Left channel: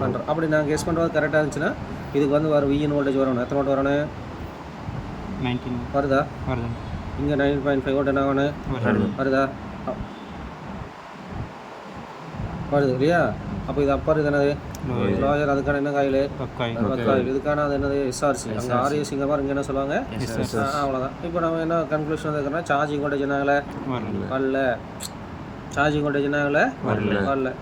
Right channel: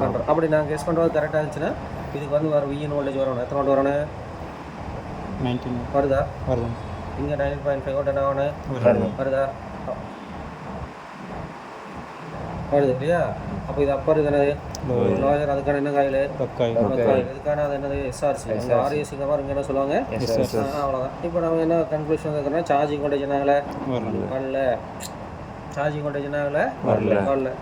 பண்ணுறோம். அப்படி நான் கெஸ் பண்ணுறது கரெக்டாக இருந்துச்சுன்னா இதுக்கு வந்து வரும் விஎன் வோல்டேஜ் வரணும். எத்தனை வோல்ட் வரணும்? 19 வருதா? வருது. இங்கே 9.5 வோல்ட் என்ன வரணும்? வருதா? வருது இல்லையா? அப்போ இது அப்பர் இது என்னது? லோயர். அதுக்கான என்ன காயில்? காயில். இதுக்கான அது என்னது? எஸ்ஆர்சி. அங்கே ஆர்ஏசிங்க மாதிரி இங்கே என்ன சொல்லுவாங்க? அவ்வளோதான். இப்போ நம்ம என்ன கன்க்ளூஷன் வந்துருக்கோம்னா சார்ஜிங் வோல்டேஜ் என்னாகல? வரல. சார்ஜிங் வோல்டேஜ் என்னாகல? வரல.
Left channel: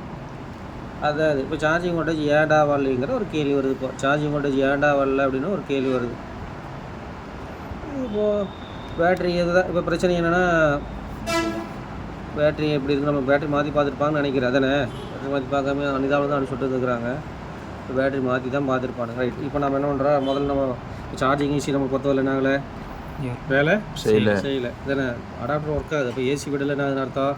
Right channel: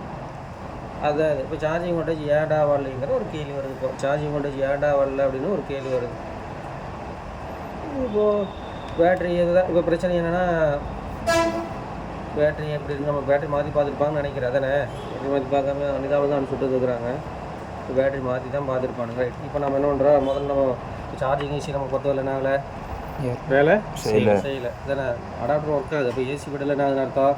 அதாவது இப்போ சார்ஜிங் வோல்டேஜ் ஏன்டா வரலைங்கிற ஒரு கேள்வி வருது. இப்போ சார்ஜிங் வோல்டேஜ் ஏன்டா வரல அப்படின்னு ஒரு கேள்வி வருது. இப்போது பேட்ரி இதுதான் இப்போ பிரச்சனை என்னென்னா பேட்ரி எப்படி இருக்குது, நம்ம பேட்ரி மாற்றி பார்த்துருப்பாங்கன்னு நினைக்கிறேன். அதானே மாற்றி பார்க்காம அனிதாவில் தான் அனுப்பிச்சுட்டு இருக்கிறாங்க. இப்போ பேட்ரி மாற்றி தான் பார்த்துருப்பாங்க. ரைட். இப்போ நம்ம என்ன பண்ணுறோம், முதல்ல நம்ம சார்ஜிங் ஏசி நம்ம பொறுத்தவரை என்ன ஆகலை? வேலை செய்யலை தானே. அடாப்டர் ஒர்க் ஆகுது. இப்போ ஏசி விடலை என்ன ஆகுதுன்னு அர்த்தம்?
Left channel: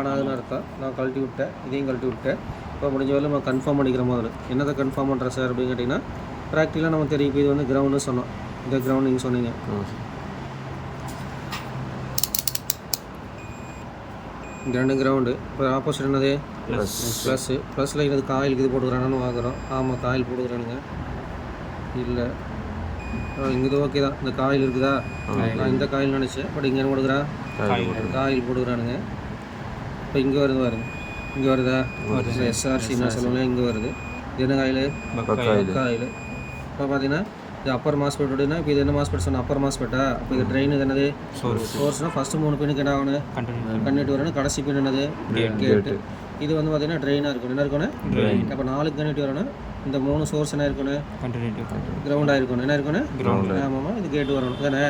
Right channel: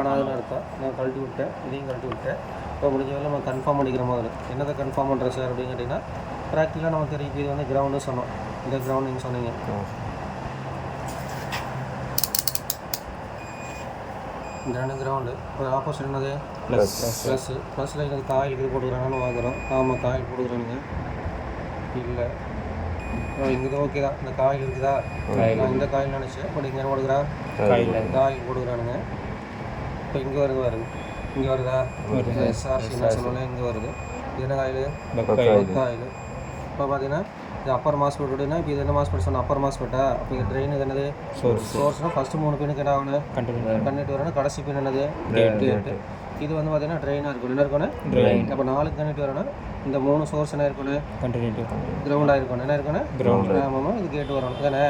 ஆனாதுன்னு அர்த்தம். நான் கழட்டி விட்டேன், இதையும் கழட்டி விட்டேன். இப்போ முடிஞ்ச வரை நம்ம கன்ஃபார்ம் பண்ணிக்கிற முதல்ல என்னதை கன்ஃபார்ம் பண்ணுறேன் சார் அப்படின்னு கேட்டிங்கன்னா ப்ராக்டிக்கலாக நமக்கு தெரியும். இப்போ இது வந்து கிரவுண்டு சொன்னோம். இந்த கிரவுண்ட் நீங்கள் சொன்னீங்க. இந்த ரெண்டு கிரவுண்டு. இப்போ ஆப்போசிட் என்னது? ப்ளஸ்ஸு. ப்ளஸில் இது காயிலுக்கு இது போட்டுக்கிறானு பார்க்குறோம். ஆமாம், காயில் போட்டுக்கிறானுங்க. இல்லை இங்கே இது ஓகே தான். இந்த காயில் இருக்குதா? நான் இந்த காயில் நினச்சேன். பட் இங்கே என்ன போட்டுக்கிறான்? காயில் போட்டுக்கிறானுங்க. இப்போ இங்கே வருது பாருங்க. இங்கே வருதா? எஸ்ஆர்சின்னு சொல்லுவோம். இங்கே வருது. இது என்ன காயில்? காயில். இப்போ பார்த்தீங்கன்னா இது அப்பர் மாஸ்பெட் அப்படின்னா இப்போ இது என்ன மாஸ்பெட் சொன்னால் அப்பர் மாஸ்பெட்டா? அப்போ இது ட்ரெயின் என்னது? சோர்ஸ்னால் ஃபஸ்ட்டு 3 பின்னுக்கு என்ன ஆகணும்? கன்வெர்ட் வரணும். கடைசி பின் என்னது? கேட்டு. இது வந்து பார்த்தீங்கன்னா ட்ரெயினாக இருக்கணும். என்ன இருக்கணும்? அப்போ 4 கன்வெர்ட் வரணும். இந்த 3 சோர்ஸ் என்ன இருக்கணும்? கிரவுண்டாக இருக்கணும். என்ன இருக்கணும்? ஆமாம், இது கேட்டு வரணும் தானே.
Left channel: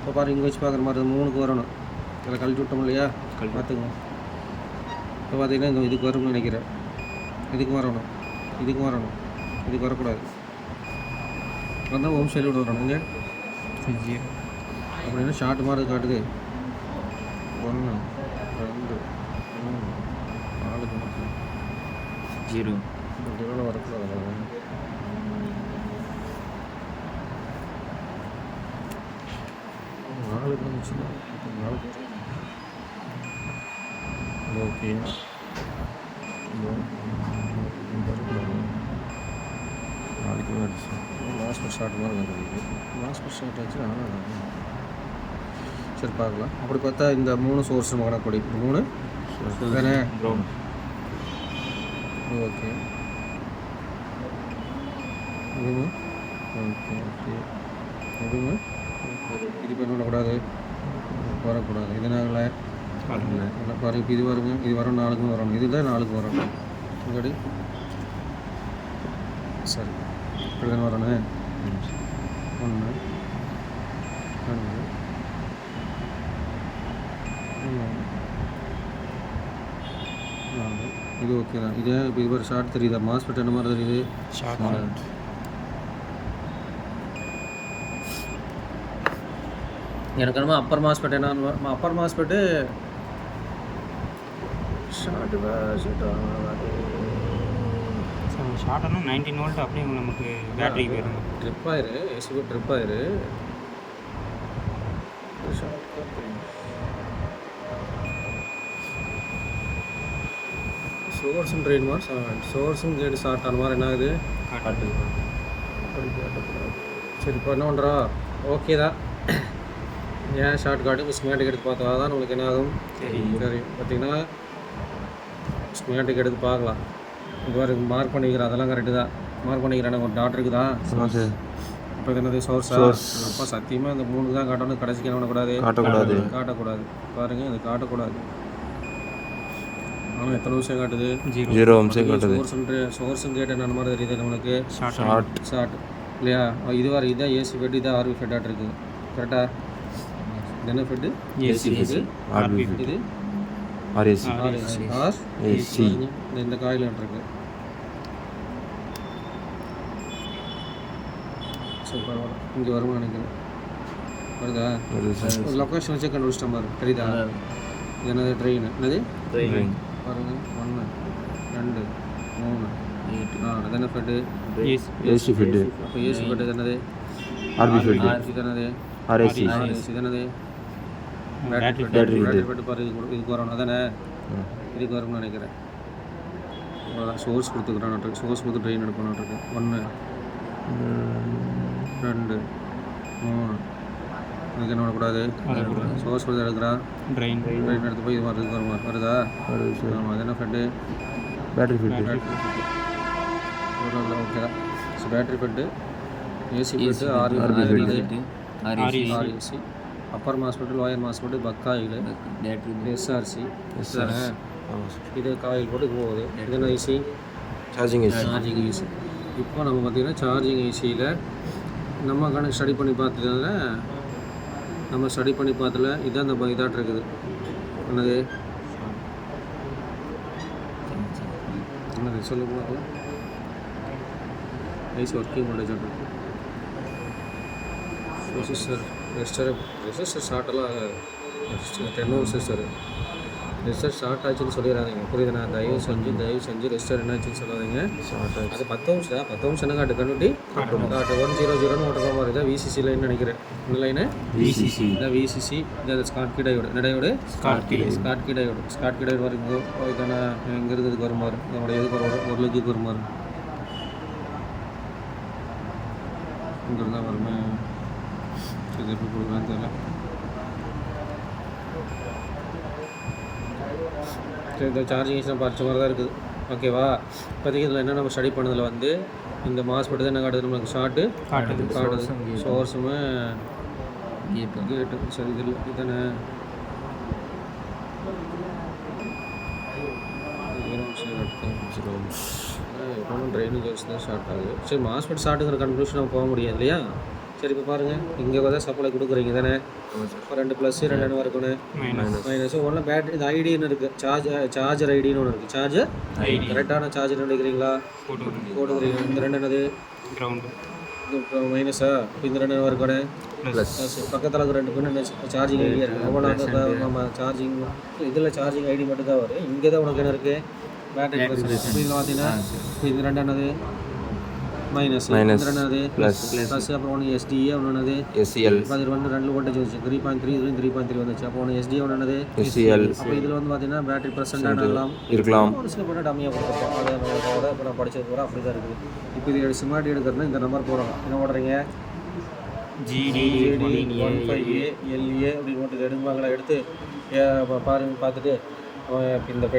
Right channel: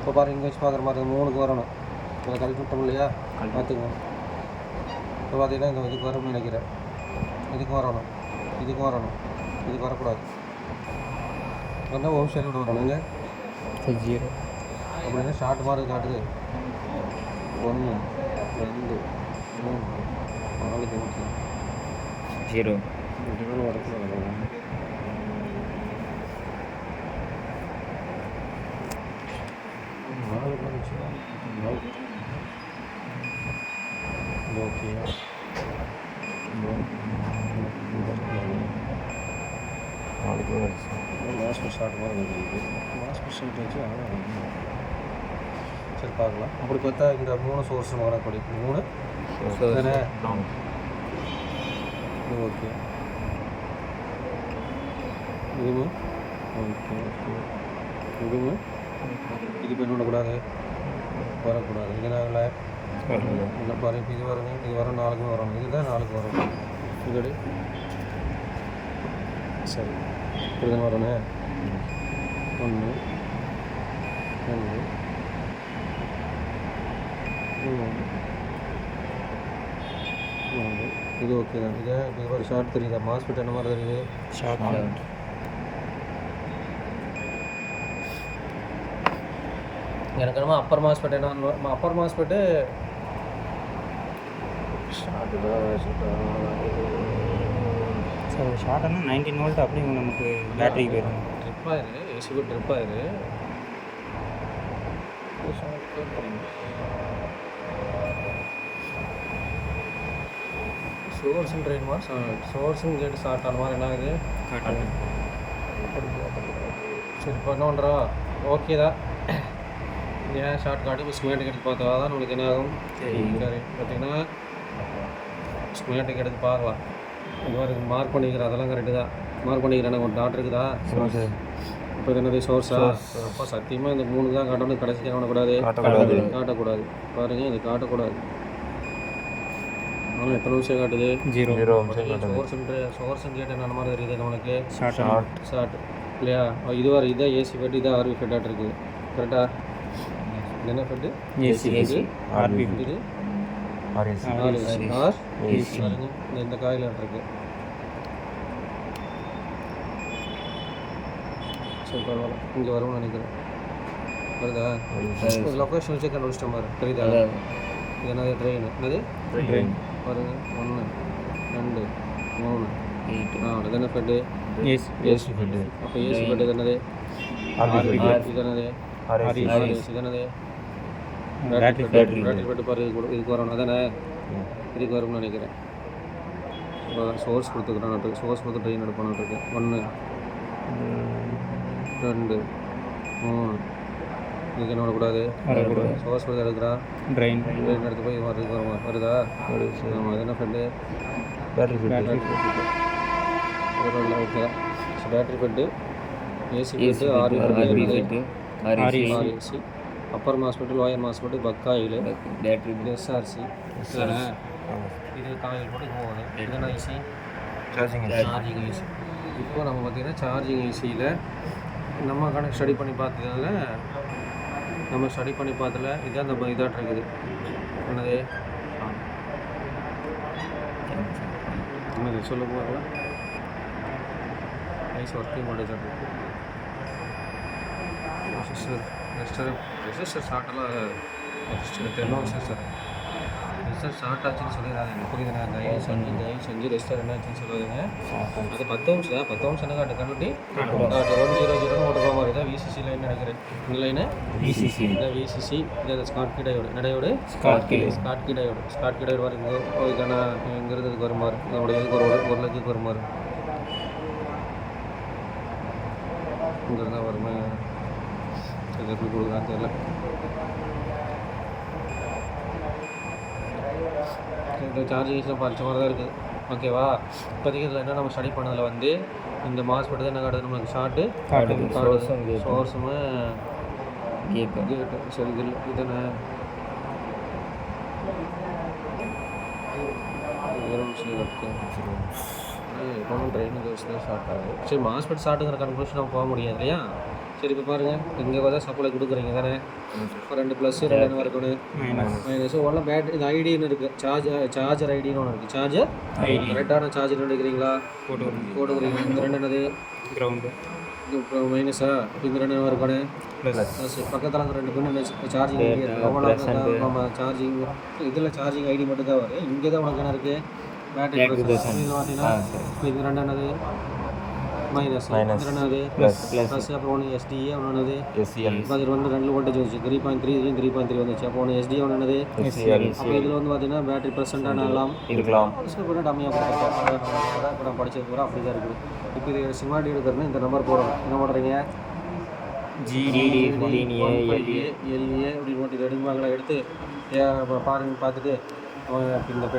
இப்போ பாருங்க, இங்கே வச்சு பார்க்குற மாதிரி 3க்கு வரணும். அதில் கழட்டி விட்டோம் இல்லையா? பார்த்துக்கோங்க. இப்போ பார்த்தீங்கன்னா இங்கே இதுக்கு வரும்னு நினைக்கிறேன். இதுக்கு வரணும், இதுக்கு வரணும், இதுக்கு வரக்கூடாது. அதான் ஹோம் சைடு வரணும். இங்கே 0 அப்படின்னா ஷார்ட் மாதிரி காட்டுது. 1 2 3 4 0 வரக்கூடாது. ஓகே. மாஸ்பெட் ஷார்ட் மாதிரி இருக்குது. மாஸ்பெட் ஷார்ட் வச்சு சரி பார்க்கலாம். அப்படி பார்த்தா இந்த 3 சோர்ஸ் நம்ம கணக்கு படி 3 தானே. ஓகே. இதுவும் ஓகே. ஓகே. இதுவும் இது பண்ண விடக்கூடாது, வரக்கூடாது. இதனால இந்த பாருங்க, இது வருங்க. இது வரும் 4க்கு வரணும். இதுதான் 4க்கு வரணும். இப்படி சரி இப்படி தானே வரணும். 1 2 3 இது ஓகே தான். இதே இப்போ இது மாதிரி ஷார்ட் தெரியுதா? மாஸ்பெட் என்ன மாதிரி தெரியுது? ஷார்ட். எனக்கு என்னமோ அப்பர் மாஸ்பெட் என்ன அப்பர் மாஸ்பெட்டு ஷார்ட்டு தான். சார் ஷார்ட்டானா 19 வோல்ட் அப்படி நமக்கு பேட்டரிக்கு போயிடணும். ட்ரிப் ஆயிரு, ஏசி கூட ட்ரிப் ஆயிரு. சோர்ஸும் ட்ரெயின் மாதிரி சோர்ஸும் கேட்டு ஷார்ட் ஆன மாதிரி என்ன ஆகுது? சரி இப்போ என்ன பண்ணுறா? ஓகே தான். ஏன் ஷார்ட் காட்டு இப்போ ஸ்கீமேட்டிக் எடுத்து பார்த்தா தான் நம்மளுக்கு என்ன ஆகும்? சரி பார்த்தீங்கன்னா ஸ்கீமேட்டிக் எடுத்து பார்க்கலாம். இது மாதிரி மார்க் பண்ணிக்கிறேன். அதெல்லாம் கரெக்டு தான். மார்க் பண்ணிக்கிறேன். எனக்கு ஒரு டாட் இருக்குதா? இப்போ இது என்னது? சோர்ஸா? அப்போ சத்தியமாக இந்த 3 தான் காட்டணும். கடைசிக்கு என்ன பண்ணக்கூடாது? காட்டக்கூடாது. பாருங்கள், இது காட்டக்கூடாது. ஆனால் எத்தனை நிமிஷம் காட்டுது? 0 சோர்ஸும் கேட்டு என்ன மாதிரி தெரியுது நம்மளுக்கு? ஷார்ட் இல்லையா? இது வர இதான் ஏசி ஃபெட், இதான் ஆர்வி ஃபெட்டாக இருக்குது. கரெக்டாக? இது என்ன ஃபெட்டு? ஏசி. இது ஆர்வி ஃபெட். இது ஆர்ஏசி. இந்த காயில் இருக்குது. சரி பரவாயில்ல. இங்கே வரும்னு நினைக்கிறேன். வருதா? லொக்கேஷன் வச்சு கண்டுபிடிச்சிட்ட மாதிரி தெரியுதா? இது என்னது? ட்ரெயின். என்னது? பாருங்க, 1 2 3 4 இது என்ன ஃபெட்டு? AC Fed. அப்போ ஏசி ஃபெட்டு இது என்னது? இது என்னது? ஆர்ஏசி. இது என்னது? Battery Fed. பாரு, இதுக்கு வரணும் தானே. இதுக்கு வரும்னு நினைக்கிறேன். சோர்ஸ் கொடுத்துக்கிறான், சோர்ஸ் கொடுத்து ட்ரெயின் எடுப்பானுருக்கு. 1 2 3 இதுக்கு என்ன வரக்கூடாது, சோர்ஸ் கொடுத்து எடுக்கிறான், ட்ரெயின் எடுத்து போய் இது வருதா? ஆமாம். அது என்ன FET? Battery FET. Okay. So battery FET, AC FET, REC, upper MOSFET, lower MOSFET, buck coil, battery, SRC, இது காயில் போட்டு போகுது. இதெல்லாம் ஐசி சார்ஜிங் ஐசி. இப்போ நம்ம பார்த்திங்கன்னா சார்ஜிங் ஐசியில் நம்ம ஸ்டடி பண்ணி பார்த்ததுல இதான் இந்த இதாட்டு இருக்குது. என்னது சொல்ல போகல, ஐசி ஒர்க்கிங் வோல்டேஜ் இருக்குது. ரெசிஸ்டர் ஷார்ட்டெல்லாம் 10 Ω ரெசிஸ்டர் ஷார்ட் ஆச்சுன்னு சொல்லிடுறாங்க. புரியுதுண்ணா? தயவு செஞ்சு ரெசிஸ்டர் என்ன ஆச்சுன்னு சொல்லுவாங்க. அது 10 Ω தான். 10 Ω என்ன காட்டு கண்ணுட்டி 100 ஓட்ட போக மாதிரி தான். விசிசி லைன் நினைக்கிறேன். இந்த லைனு விசிசி, இதான் விசிசி. இது ஸ்காட்கி டயோடு. என்ன டயோடு? ஸ்காட்கி டயோடு வருது. இதானே இங்கே இருக்கிறதுக்கு வருமாறு, இதோட எதுக்கு ஒரு லட்சத்துக்கு வருமாறு இங்கே இருந்தால் வருமா? இது எப்படி கொடுக்குறான்னு தெரியல. இந்த சார்ஜிங் ஐஸ்லாம் படித்த மாதிரி தான் இருக்குது. ஓகேவா? இப்போதைக்கு இதில் என்ன நம்ம ஸ்டடி பண்ணதில் வந்து இந்த மாஸ்பெட்டு தான் என்ன காட்டுது நமக்கு? ஷார்ட்டு காட்டுது, சோர்ஸுமே கேட்டு. சரி, இது இதானே எப்போவும் ட்ரைனேஜ் ஹவுஸ் தான் ஷார்ட் ஆகுது. சரி, மாஸ்பெட் ஷார்ட்டுங்கிற கன்க்ளூஷன் நம்ம போக முடியாது இல்லையா? சரி, இப்போ பாருங்கள், இங்கே தான் சப்ளை கொடுக்குறீங்க தானே. இப்போ 2 +, 2 என்ன இருக்கணும்? மைனஸ். ஒன்றும் பேட்டரி, இது ஐடின்னு இருக்குது, சார்ஜர் ஐடின்னு ஒன்று இருக்குது. சார்ஜர் ஐடி கரெக்டான சார்ஜர் எடுக்கிறீங்களா? போட்டுக்கிறீங்க. இந்த 2 என்னது? கிரவுண்டு. இது மைனஸா? இந்த 2 இருக்கணும் ப்ளஸ். பக்கத்தில் இருக்கிற 2 பின் சார்ஜிங் ஐடி இருக்குது. நம்ம சார்ஜிங் இதில் சார்ஜிங் ஐடி மட்டும் தான் வரும். இங்கே தான் உனக்கு என்ன இருக்குது? பேட்டரி. இதில் பார்த்தீங்கன்னா இது 2 என்னது? மைனஸ். என்னது? ப்ளஸ். அப்புறம் ஒன்று எஸ்டிஏ, ஒன்று என்னது? எஸ்சிஎல். இப்போ அது 2 வோல்டேஜ் வந்துச்சு. 3.3, இதுவும் 3.3 வந்துச்சு. அப்போ ஒன்று எஸ்டிஏ, ஒன்று என்னது? எஸ்சிஎல். அப்போ இதில் வந்து பார்த்தீங்கன்னா பேட்டரி பர்சன்டாக இருக்கலாம், ஒரு சில பேர் டம்மியாக கொடுத்துருக்கோம். அதை நம்மளோட இப்போ நான் படித்தது கூட அப்படி தான் இருக்குது. இப்போ இது சிமாட்டி எடுக்கிறதுனா இந்த நம்பர் போடுறோம். என்ன போடுறீங்க? GDLA அப்படின்னு மட்டும் இது எடுப்பாங்களா? எடுத்து பாருங்க, பார்த்துட்டு இந்த பெட்டை